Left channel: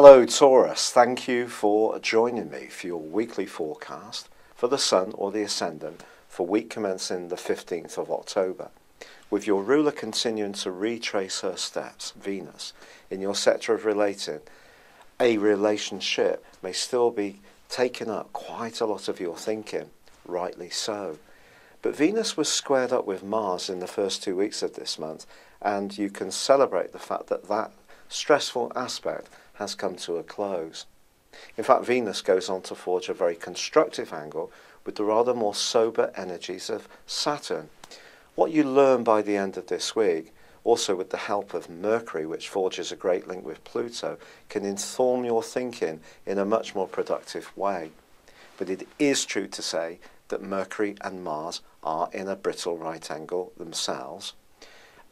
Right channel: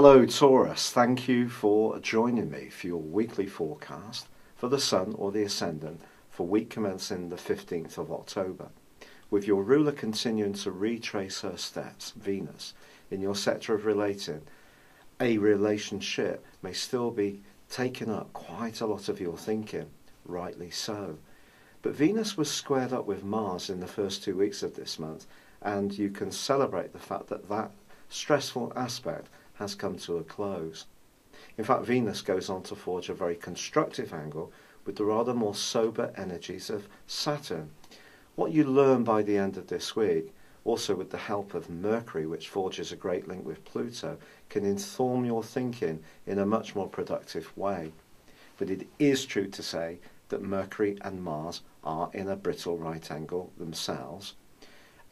Hello Taurus, thank you for joining me for your weekly forecast for the Sun or the Ascendant for week commencing the 15th of October, with your ruler continuing to retrace her steps, Venus, in your sector of relating. A relationship may still be taking up quite a lot of your thinking, rightly so. But Venus was squared up with Mars in the first 2 weeks of this month, and you can celebrate the fact that that stressful aspect has come to a close. In fact, Venus goes on to forge a very constructive angle with the rather more sober energies of Saturn. What you learn by the end of this week, also with the help of Mercury, which forges a great link with Pluto, can inform your thinking in a much more productive way. But it is true to say that Mercury and Mars are in a brittle right angle themselves.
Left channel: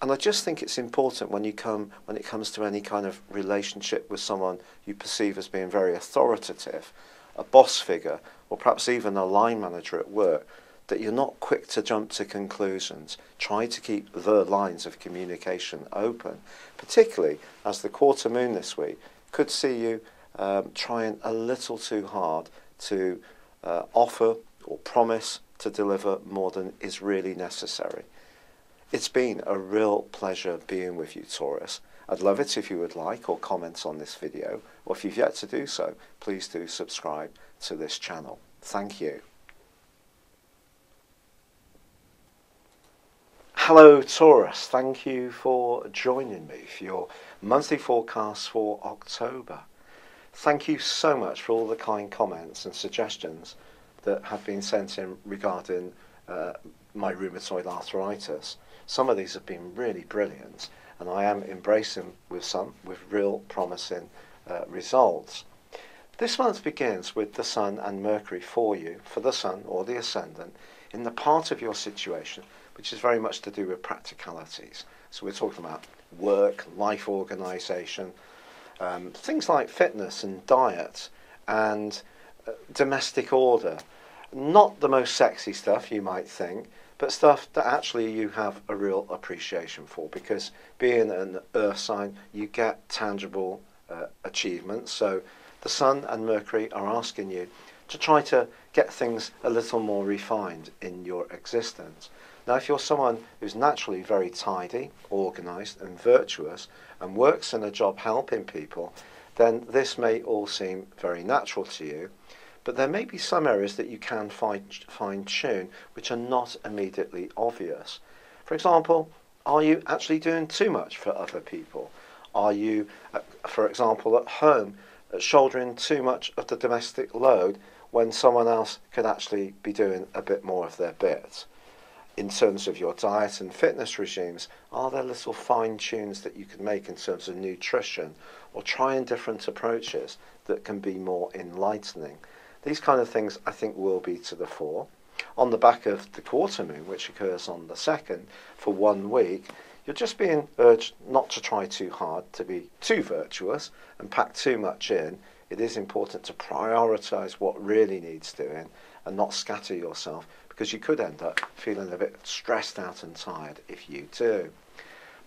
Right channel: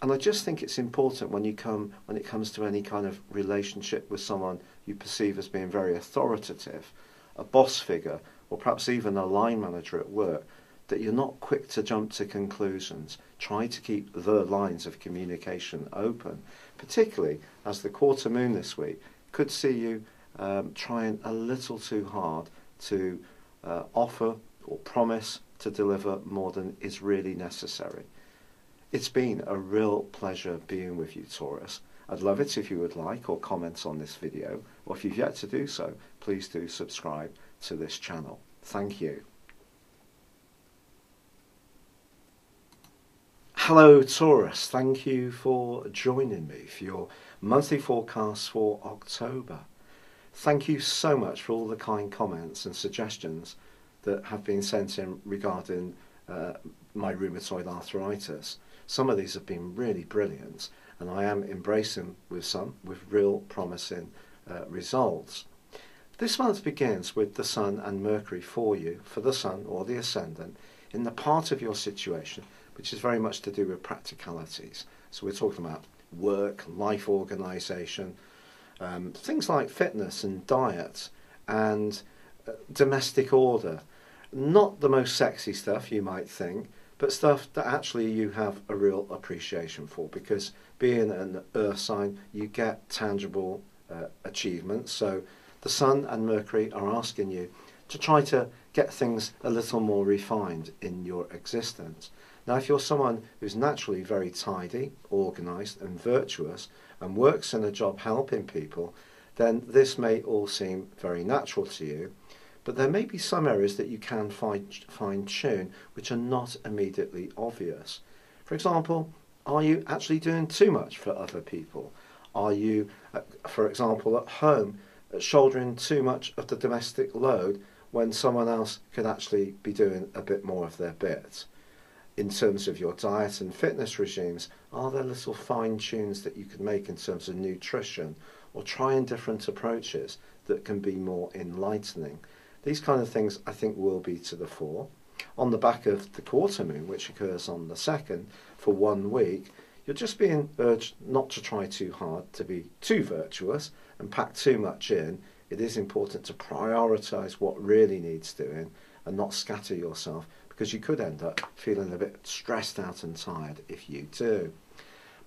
And I just think it's important when it comes to any kind of relationship with someone you perceive as being very authoritative, a boss figure, or perhaps even a line manager at work, that you're not quick to jump to conclusions. Try to keep the lines of communication open, particularly as the quarter moon this week could see you trying a little too hard to offer or promise to deliver more than is really necessary. It's been a real pleasure being with you, Taurus. I'd love it if you would like or comment on this video, or if you've yet to do so, please do subscribe to this channel. Thank you. Hello Taurus, thank you for joining me for your monthly forecast for October. Thank you so much for all the kind comments and suggestions that have been sent in regarding my rheumatoid arthritis. Some of these have been really brilliant, and I am embracing with real promising results. This month begins with the Sun and Mercury for you, for the Sun or the Ascendant, in the part of your situation which is very much to do with practicalities. So we're talking about work, life organisation, things like fitness and diet and domestic order. Not the most sexy stuff you might think, but stuff that actually you have a real appreciation for, because being an earth sign, you get tangible achievements. So the Sun and Mercury are asking you to try to get things a little more refined in your existence. Now, if you're someone who's naturally very tidy, organised and virtuous and works in a job helping people, then this may all seem very natural to you. But there may be some areas that you can fine-tune which are not immediately obvious. For example, are you actually doing too much for other people? Are you, for example, at home shouldering too much of the domestic load when someone else could actually be doing a bit more of their bit? In terms of your diet and fitness regimes, are there little fine-tunes that you can make in terms of nutrition, or trying different approaches that can be more enlightening? These kind of things, I think, will be to the fore. On the back of the quarter moon, which occurs on the 2nd for 1 week, you're just being urged not to try too hard to be too virtuous and pack too much in. It is important to prioritise what really needs doing and not scatter yourself, because you could end up feeling a bit stressed out and tired if you do.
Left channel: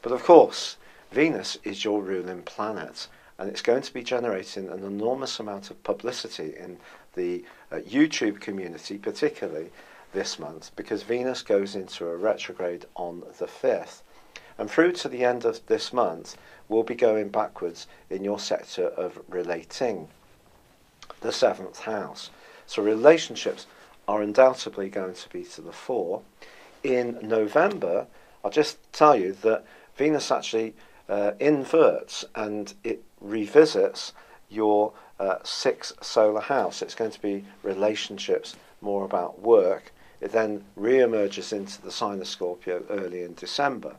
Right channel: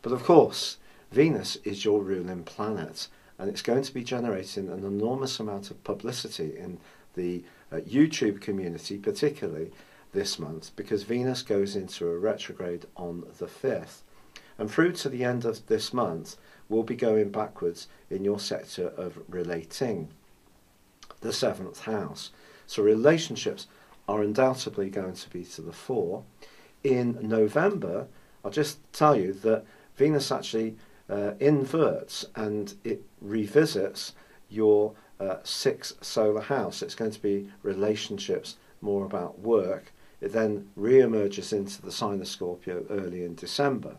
But of course, Venus is your ruling planet, and it's going to be generating an enormous amount of publicity in the YouTube community, particularly this month, because Venus goes into a retrograde on the 5th. And through to the end of this month, we'll be going backwards in your sector of relating, the 7th house. So relationships are undoubtedly going to be to the fore. In November, I'll just tell you that Venus actually inverts and it revisits your 6th solar house. It's going to be relationships, more about work. It then re-emerges into the sign of Scorpio early in December.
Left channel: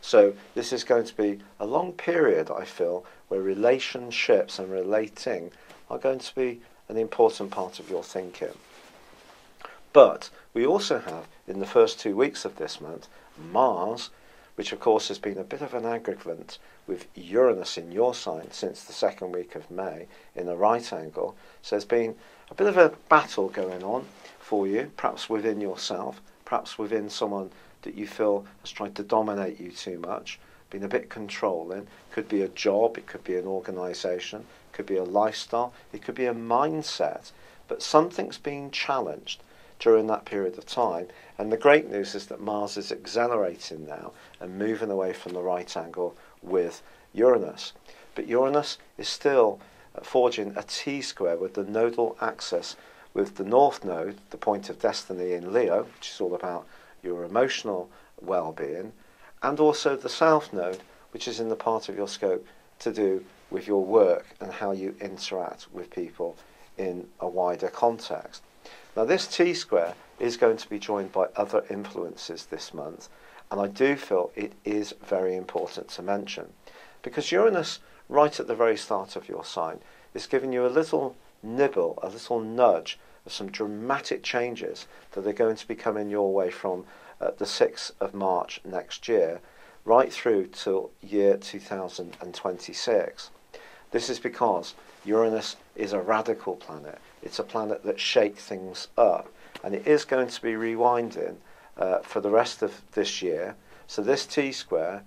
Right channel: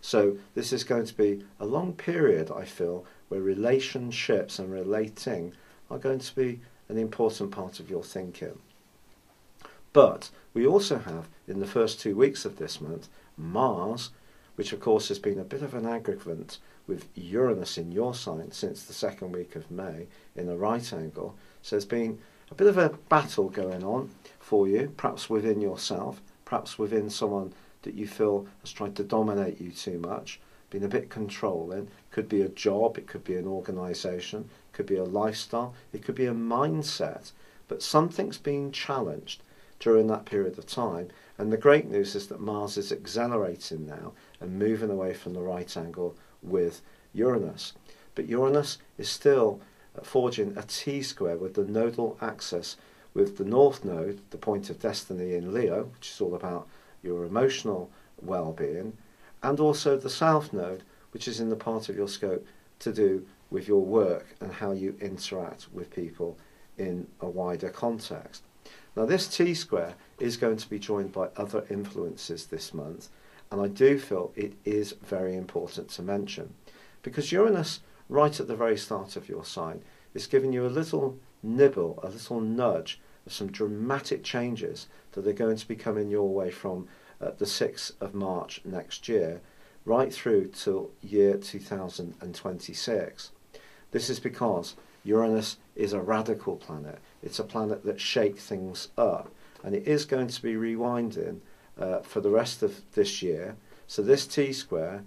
So this is going to be a long period, I feel, where relationships and relating are going to be an important part of your thinking. But we also have, in the first 2 weeks of this month, Mars, which of course has been a bit of an aggravant with Uranus in your sign since the 2nd week of May in a right angle. So there's been a bit of a battle going on for you, perhaps within yourself, perhaps within someone that you feel has tried to dominate you too much, been a bit controlling. Could be a job, it could be an organisation, could be a lifestyle, it could be a mindset, but something's being challenged during that period of time. And the great news is that Mars is accelerating now and moving away from the right angle with Uranus. But Uranus is still forging a T-square with the nodal axis with the North Node, the point of destiny in Leo, which is all about your emotional well-being, and also the South Node, which is in the part of your scope to do with your work and how you interact with people in a wider context. Now, this T-square is going to be joined by other influences this month, and I do feel it is very important to mention, because Uranus, right at the very start of your sign, is giving you a little nibble, a little nudge of some dramatic changes that are going to be coming your way from the 6th of March next year, right through till year 2026. This is because Uranus is a radical planet. It's a planet that shakes things up, and it is going to be rewinding for the rest of this year. So this T-square,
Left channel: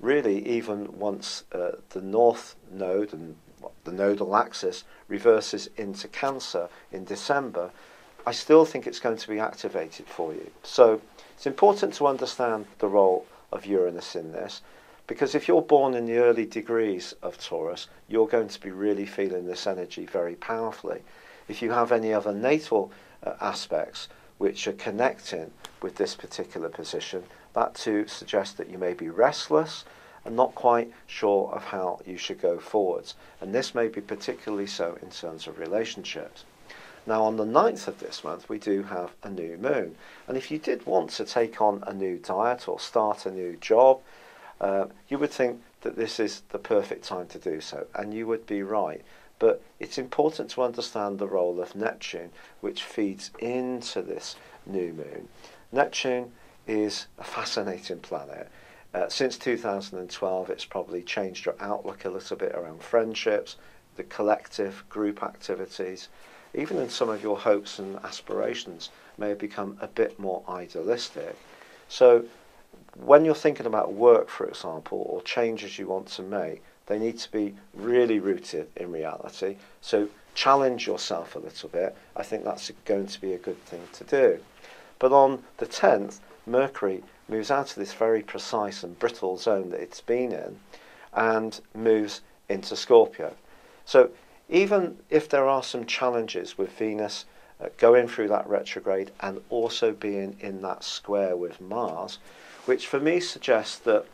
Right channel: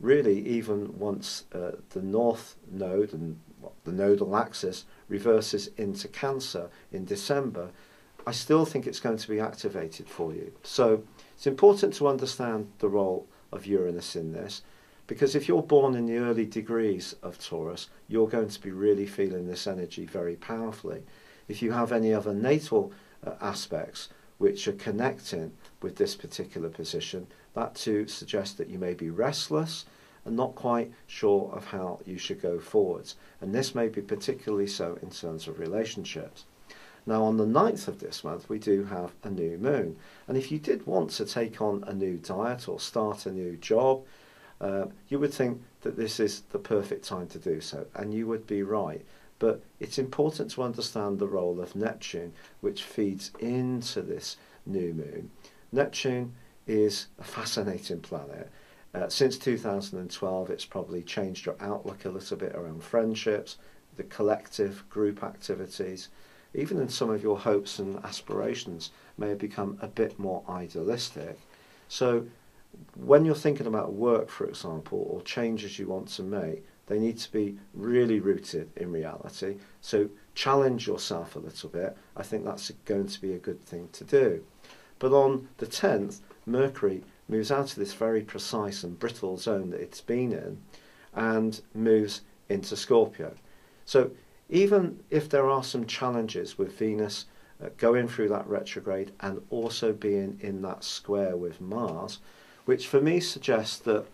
really, even once the North Node and the nodal axis reverses into Cancer in December, I still think it's going to be activated for you. So it's important to understand the role of Uranus in this, because if you're born in the early degrees of Taurus, you're going to be really feeling this energy very powerfully. If you have any other natal aspects which are connecting with this particular position, that too suggests that you may be restless and not quite sure of how you should go forwards. And this may be particularly so in terms of relationships. Now, on the 9th of this month, we do have a new moon. And if you did want to take on a new diet or start a new job, you would think that this is the perfect time to do so. And you would be right. But it's important to understand the role of Neptune, which feeds into this new moon. Neptune is a fascinating planet. Since 2012, it's probably changed your outlook a little bit around friendships, the collective group activities. Even in some of your hopes and aspirations may have become a bit more idealistic. So when you're thinking about work, for example, or changes you want to make, they need to be really rooted in reality. So challenge yourself a little bit. I think that's going to be a good thing to do. But on the 10th, Mercury moves out of this very precise and brittle zone that it's been in and moves into Scorpio. So even if there are some challenges with Venus going through that retrograde and also being in that square with Mars, which for me suggests that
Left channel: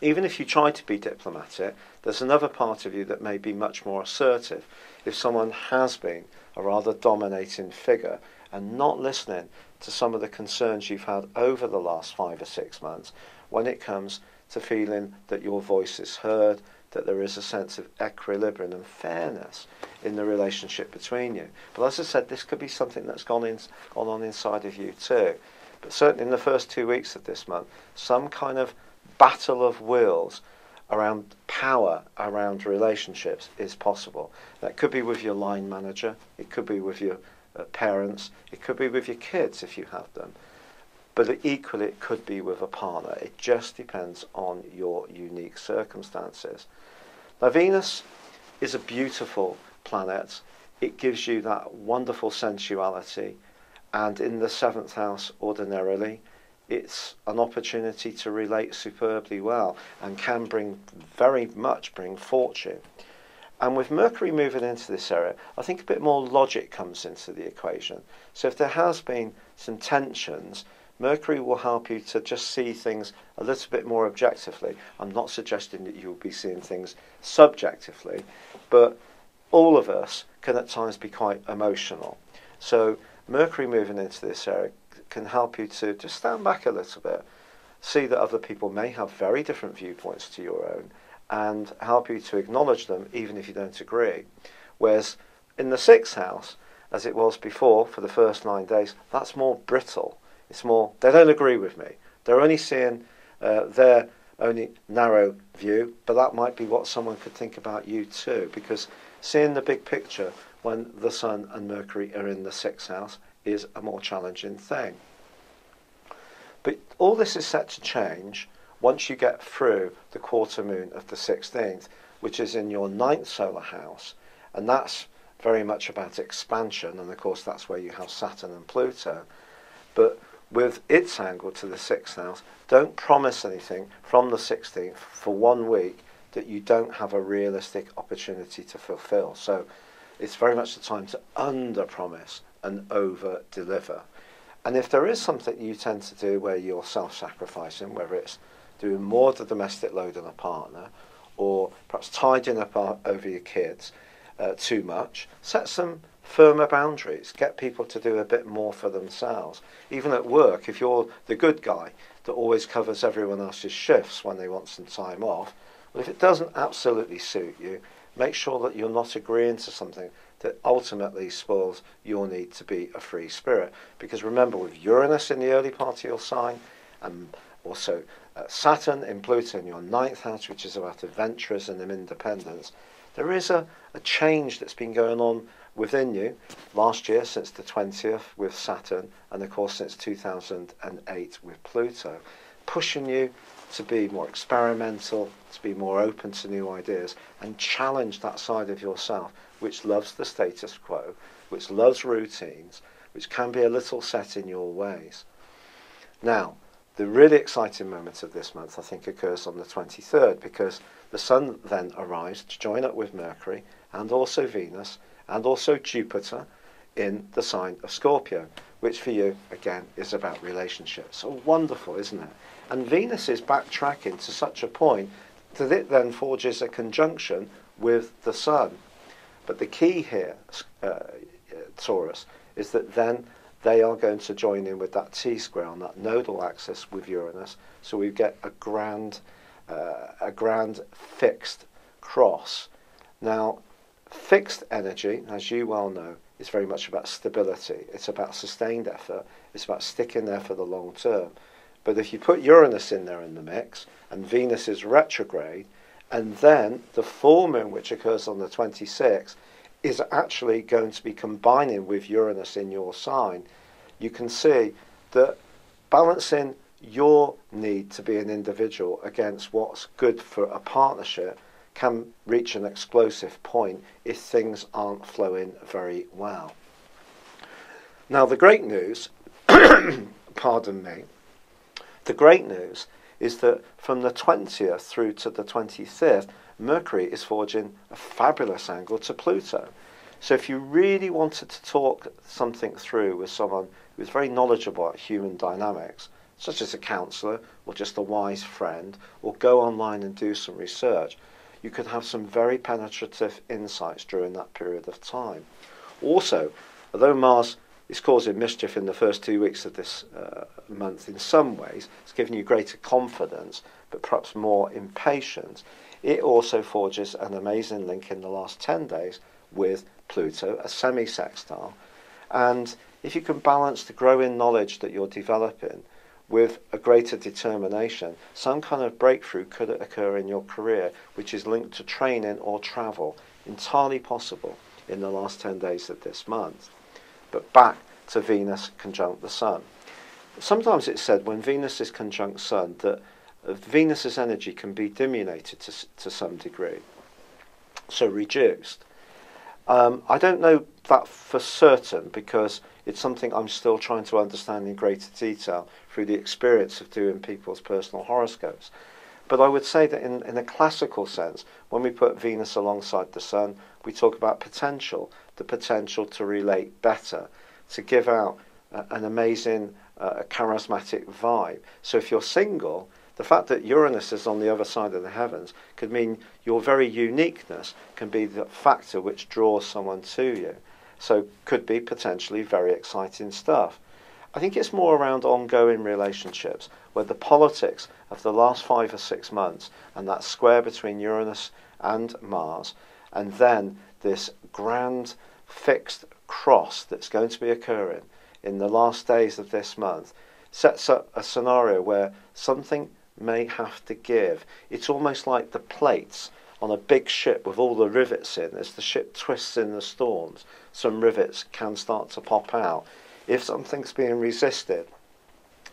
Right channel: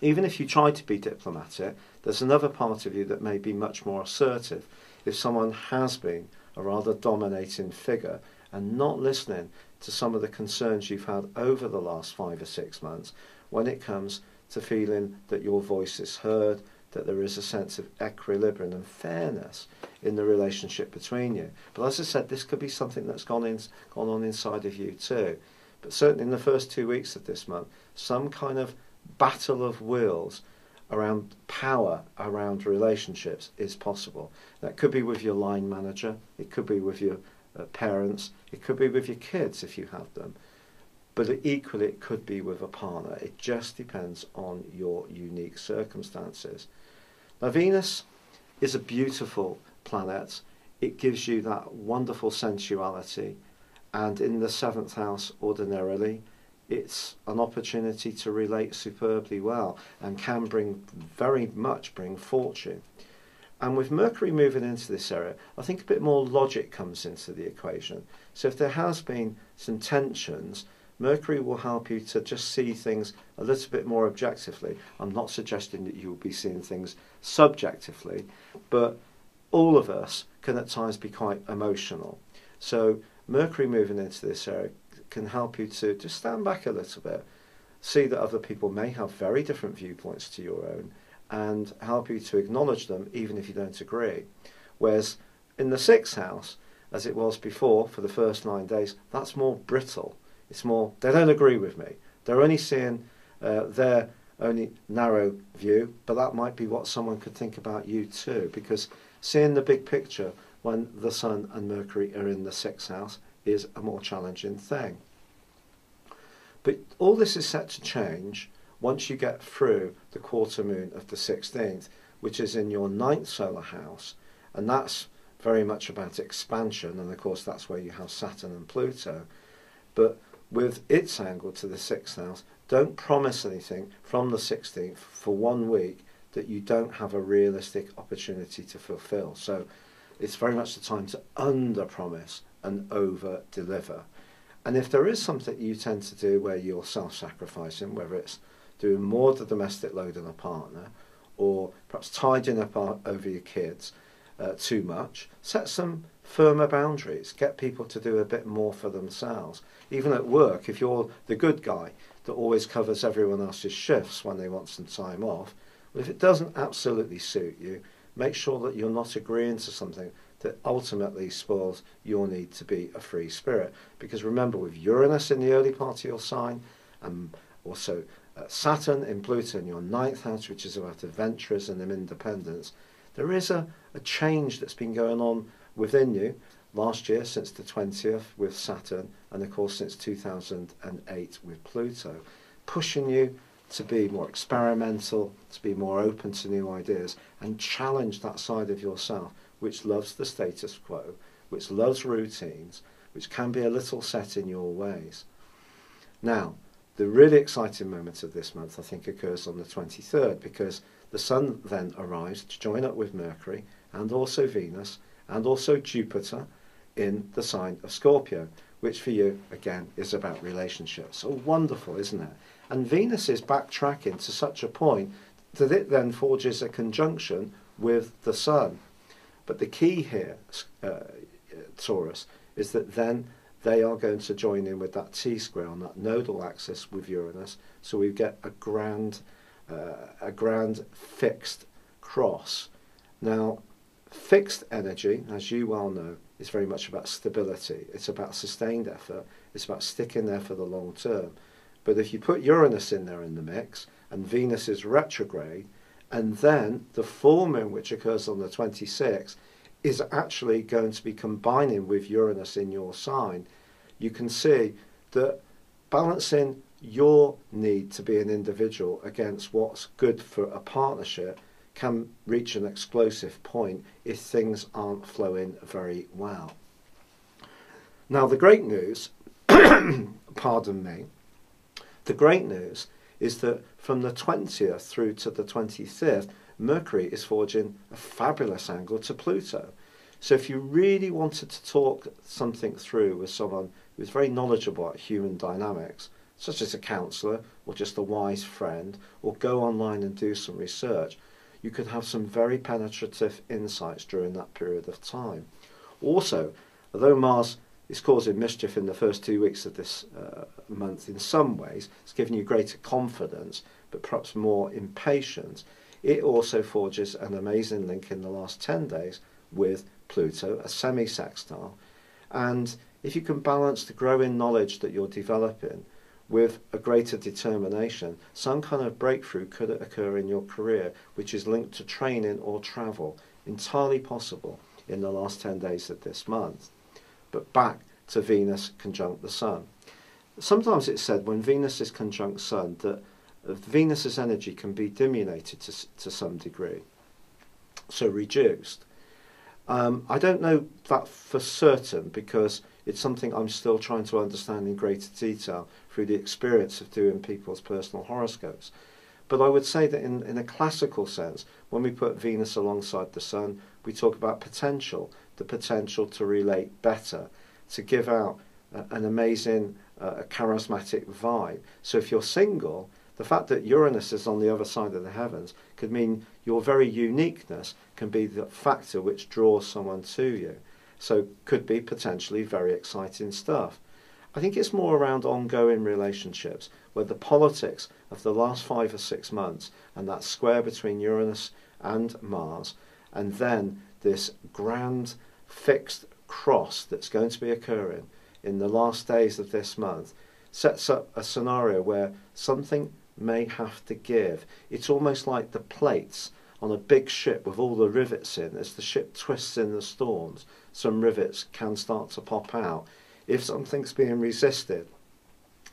even if you try to be diplomatic, there's another part of you that may be much more assertive. If someone has been a rather dominating figure and not listening to some of the concerns you've had over the last 5 or 6 months, when it comes to feeling that your voice is heard, that there is a sense of equilibrium and fairness in the relationship between you. But as I said, this could be something that's gone on inside of you too. But certainly in the first 2 weeks of this month, some kind of battle of wills around power, around relationships is possible. That could be with your line manager, it could be with your parents, it could be with your kids if you have them, but equally it could be with a partner. It just depends on your unique circumstances. Now, Venus is a beautiful planet. It gives you that wonderful sensuality, and in the 7th house ordinarily, it's an opportunity to relate superbly well and can very much bring fortune. And with Mercury moving into this area, I think a bit more logic comes into the equation. So if there has been some tensions, Mercury will help you to just see things a little bit more objectively. I'm not suggesting that you'll be seeing things subjectively, but all of us can at times be quite emotional. So Mercury moving into this area can help you to just stand back a little bit, see that other people may have very different viewpoints to your own, and help you to acknowledge them even if you don't agree. Whereas in the 6th house, as it was before for the first 9 days, that's more brittle. It's more, they don't agree with me. They're only seeing their only narrow view, but that might be what someone could think about you too, because seeing the big picture when the Sun and Mercury are in the 6th house is a more challenging thing. But all this is set to change once you get through the quarter moon of the 16th, which is in your ninth solar house, and that's very much about expansion, and of course that's where you have Saturn and Pluto. But with its angle to the 6th house, don't promise anything from the 16th for 1 week that you don't have a realistic opportunity to fulfill. So it's very much the time to under-promise and over-deliver. And if there is something you tend to do where you're self-sacrificing, whether it's doing more of the domestic load on a partner, or perhaps tidying up over your kids too much, set some firmer boundaries. Get people to do a bit more for themselves. Even at work, if you're the good guy that always covers everyone else's shifts when they want some time off, well, if it doesn't absolutely suit you, make sure that you're not agreeing to something that ultimately spoils your need to be a free spirit. Because remember, with Uranus in the early part of your sign, and also Saturn in Pluto in your ninth house, which is about adventurism and independence, there is a change that's been going on within you last year since the 20th with Saturn, and of course since 2008 with Pluto, pushing you to be more experimental, to be more open to new ideas, and challenge that side of yourself which loves the status quo, which loves routines, which can be a little set in your ways. Now, the really exciting moment of this month, I think, occurs on the 23rd, because the Sun then arrives to join up with Mercury and also Venus and also Jupiter in the sign of Scorpio, which for you, again, is about relationships. So wonderful, isn't it? And Venus is backtracking to such a point that it then forges a conjunction with the Sun. But the key here, Taurus, is that then they are going to join in with that T-square on that nodal axis with Uranus, so we get a grand fixed cross. Now, fixed energy, as you well know, is very much about stability. It's about sustained effort. It's about sticking there for the long term. But if you put Uranus in there in the mix, and Venus is retrograde, and then the full moon, which occurs on the 26th, is actually going to be combining with Uranus in your sign, you can see that balancing your need to be an individual against what's good for a partnership can reach an explosive point if things aren't flowing very well. Now, the great news, pardon me, the great news is that from the 20th through to the 25th, Mercury is forging a fabulous angle to Pluto. So if you really wanted to talk something through with someone who's very knowledgeable about human dynamics, such as a counsellor or just a wise friend, or go online and do some research, you could have some very penetrative insights during that period of time. Also, although Mars is causing mischief in the first 2 weeks of this month in some ways, it's giving you greater confidence, but perhaps more impatience, it also forges an amazing link in the last 10 days with Pluto, a semi-sextile. And if you can balance the growing knowledge that you're developing with a greater determination, some kind of breakthrough could occur in your career, which is linked to training or travel, entirely possible in the last 10 days of this month. But back to Venus conjunct the Sun. Sometimes it's said when Venus is conjunct Sun that Venus's energy can be diminuted to some degree, so reduced. I don't know that for certain, because it's something I'm still trying to understand in greater detail through the experience of doing people's personal horoscopes. But I would say that in a classical sense, when we put Venus alongside the Sun, we talk about potential, the potential to relate better, to give out an amazing, charismatic vibe. So if you're single, the fact that Uranus is on the other side of the heavens could mean your very uniqueness can be the factor which draws someone to you. So could be potentially very exciting stuff. I think it's more around ongoing relationships, where the politics of the last 5 or 6 months and that square between Uranus and Mars, and then this grand fixed cross that's going to be occurring in the last days of this month, sets up a scenario where something may have to give. It's almost like the plates on a big ship with all the rivets in. As the ship twists in the storms, some rivets can start to pop out. If something's being resisted,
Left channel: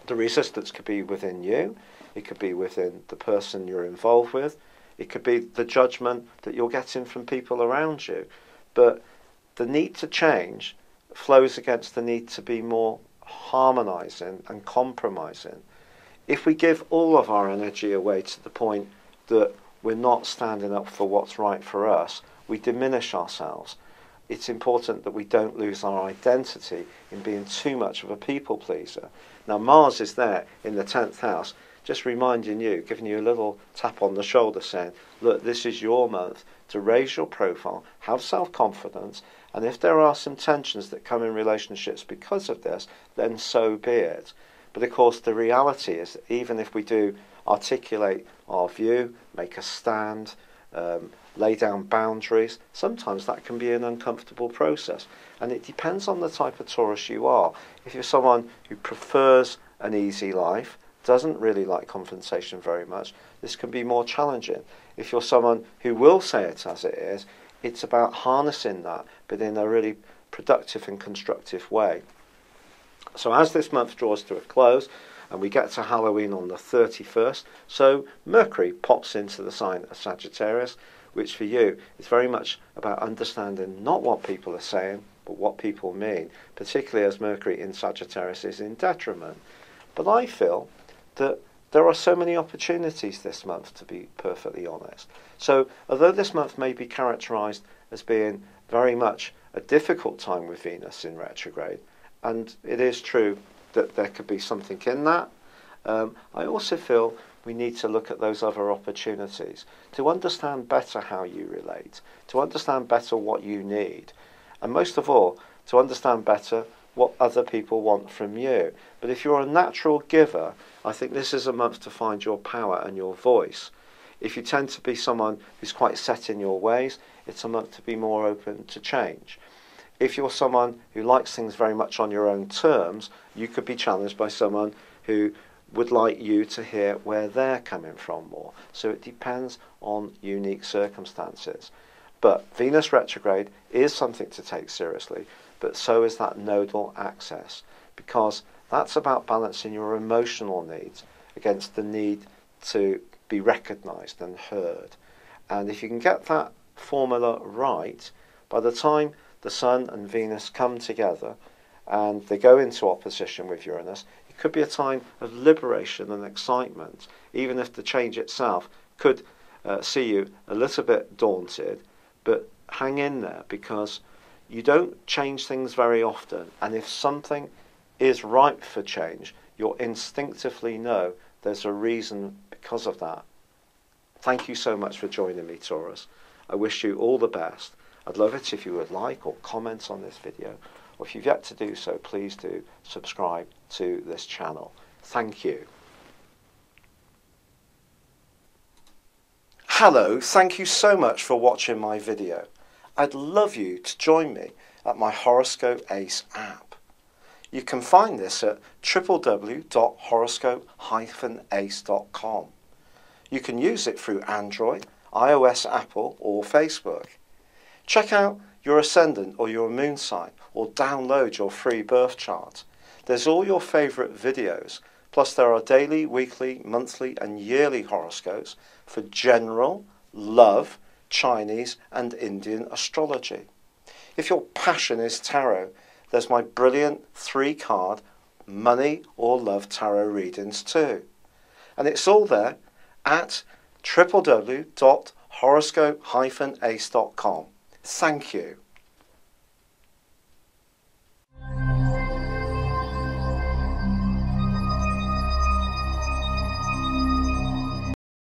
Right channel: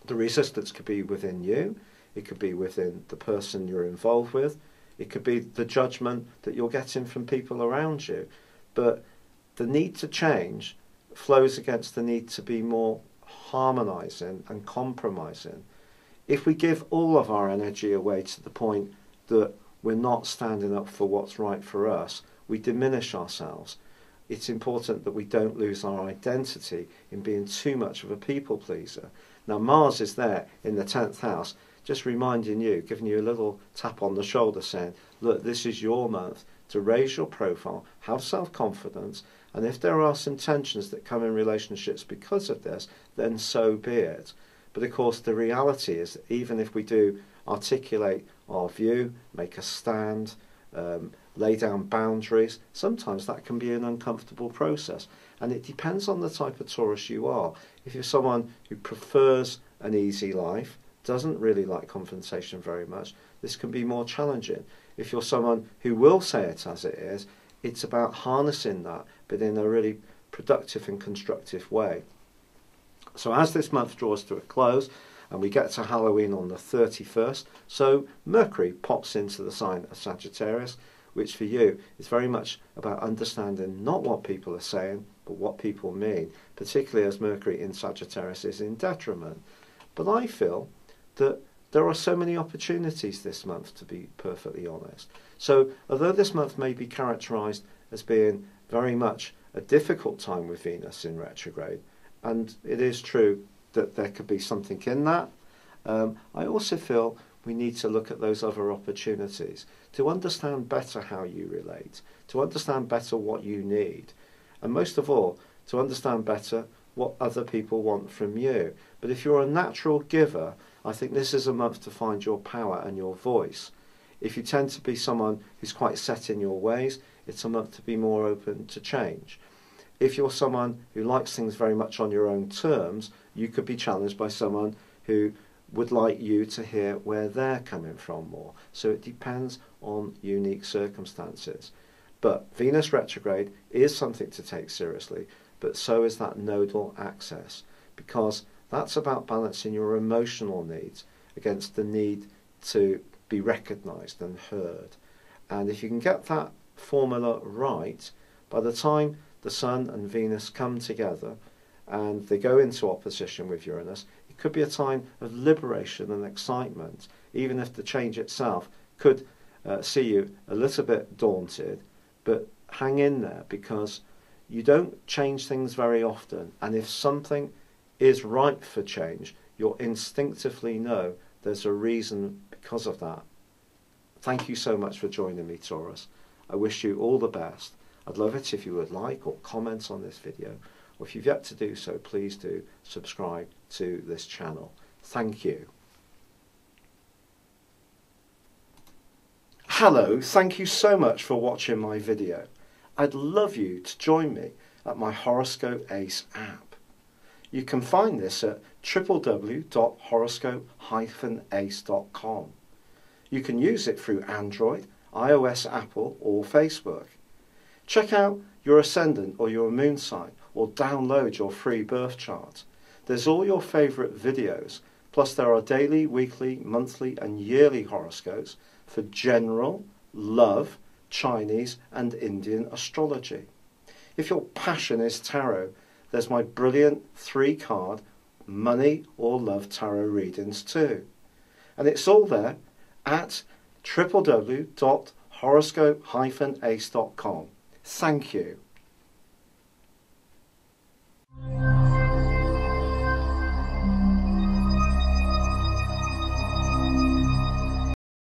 the resistance could be within you, it could be within the person you're involved with, It could be the judgment that you're getting from people around you. But the need to change flows against the need to be more harmonising and compromising. If we give all of our energy away to the point that we're not standing up for what's right for us, we diminish ourselves. It's important that we don't lose our identity in being too much of a people pleaser. Now, Mars is there in the 10th house, just reminding you, giving you a little tap on the shoulder saying, look, this is your month to raise your profile, have self-confidence, and if there are some tensions that come in relationships because of this, then so be it. But of course, the reality is that even if we do articulate our view, make a stand, lay down boundaries, sometimes that can be an uncomfortable process. And it depends on the type of Taurus you are. If you're someone who prefers an easy life, doesn't really like confrontation very much, this can be more challenging. If you're someone who will say it as it is, it's about harnessing that, but in a really productive and constructive way. So as this month draws to a close, and we get to Halloween on the 31st, so Mercury pops into the sign of Sagittarius, which for you is very much about understanding not what people are saying, but what people mean, particularly as Mercury in Sagittarius is in detriment. But I feel that there are so many opportunities this month, to be perfectly honest. So although this month may be characterised as being very much a difficult time with Venus in retrograde, and it is true that there could be something in that, I also feel we need to look at those other opportunities to understand better how you relate, to understand better what you need, and most of all, to understand better what other people want from you. But if you're a natural giver, I think this is a month to find your power and your voice. If you tend to be someone who's quite set in your ways, it's a month to be more open to change. If you're someone who likes things very much on your own terms, you could be challenged by someone who would like you to hear where they're coming from more. So it depends on unique circumstances. But Venus retrograde is something to take seriously, but so is that nodal axis, because that's about balancing your emotional needs against the need to be recognised and heard. And if you can get that formula right, by the time the Sun and Venus come together and they go into opposition with Uranus, it could be a time of liberation and excitement, even if the change itself could see you a little bit daunted. But hang in there, because you don't change things very often, and if something is ripe for change, you'll instinctively know there's a reason because of that. Thank you so much for joining me, Taurus. I wish you all the best. I'd love it if you would like or comment on this video, or if you've yet to do so, please do subscribe to this channel. Thank you. Hello, thank you so much for watching my video. I'd love you to join me at my Horoscope Ace app. You can find this at www.horoscope-ace.com. You can use it through Android, iOS, Apple or Facebook. Check out your ascendant or your moon sign, or download your free birth chart. There's all your favourite videos, plus there are daily, weekly, monthly and yearly horoscopes for general, love, Chinese and Indian astrology. If your passion is tarot, there's my brilliant 3-card money or love tarot readings too. And it's all there at www.horoscope-ace.com. Thank you.